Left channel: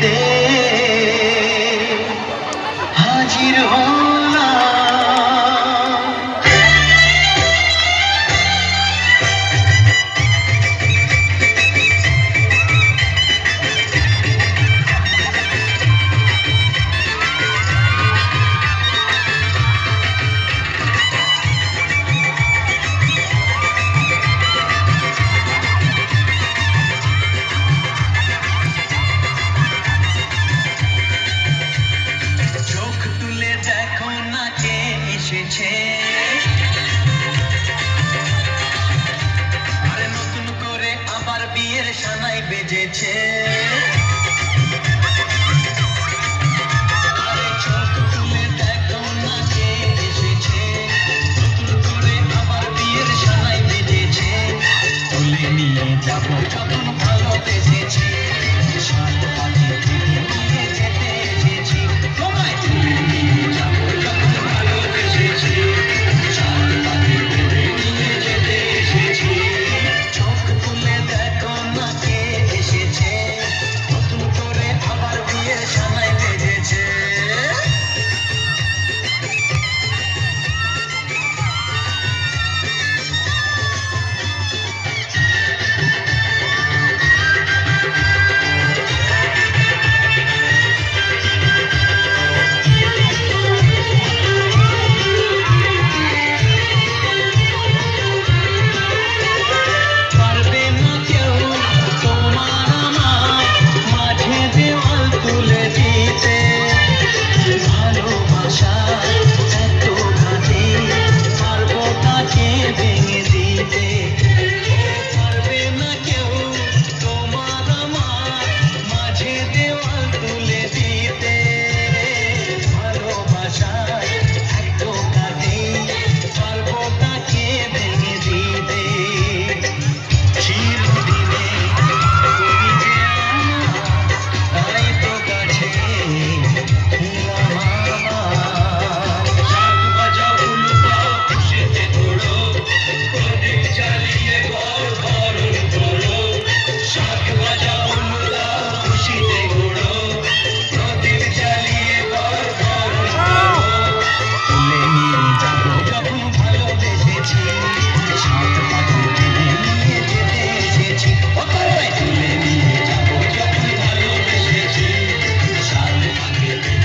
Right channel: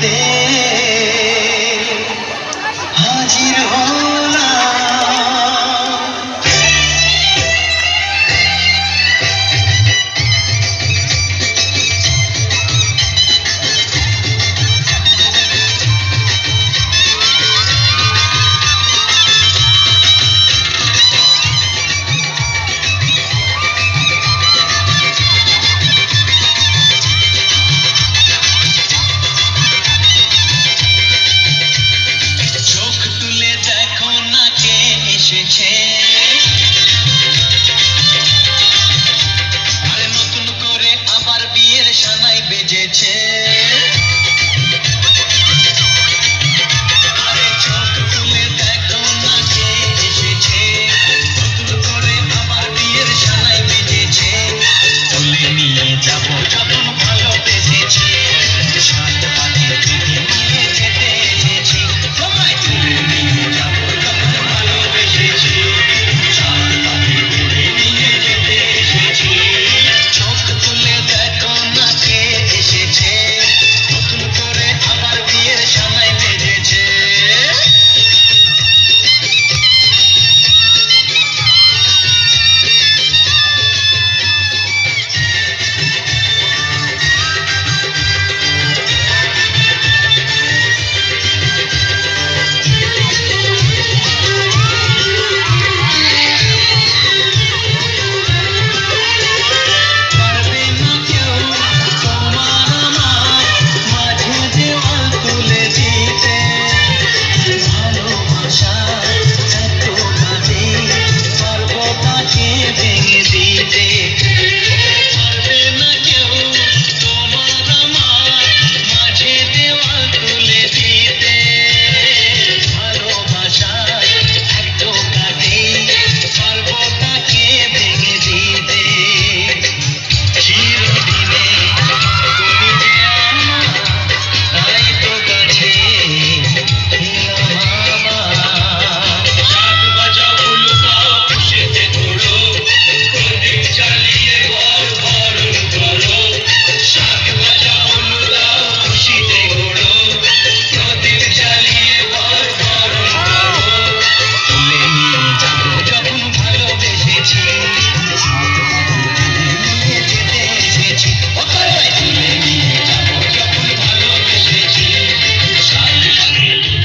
দেখতে হাজির হলাম। চোখ তুলে দেখো না কে এসেছে, আরে নতুন করে আবার বিয়ের সানাই বেজেছে। আরে চোখ তুলে দেখো না কে এসেছে, নতুন করে আবার বিয়ের সানাই বেজেছে। তুলে নিয়ে যাবো যখন ভালোবেসেছি, সাত পাখি থেকে নিয়ে যেতে এসেছি। তোমায় তুলে নিয়ে যাবো যখন ভালোবেসেছি, সাত পাখি থেকে নিয়ে যেতে এসেছি। চোখ তুলে দেখো না কে এসেছে, নতুন করে আবার বিয়ের সানাই বেজেছে। পারবে না কেউ তোমার আমার মাঝে দেওয়াল তুলে দিতে, ভালোবাসা এত ভারী পারবো তাকে ভেঙে দিতে। পারবে না কেউ তোমার আমার মাঝে দেওয়াল তুলে দিতে,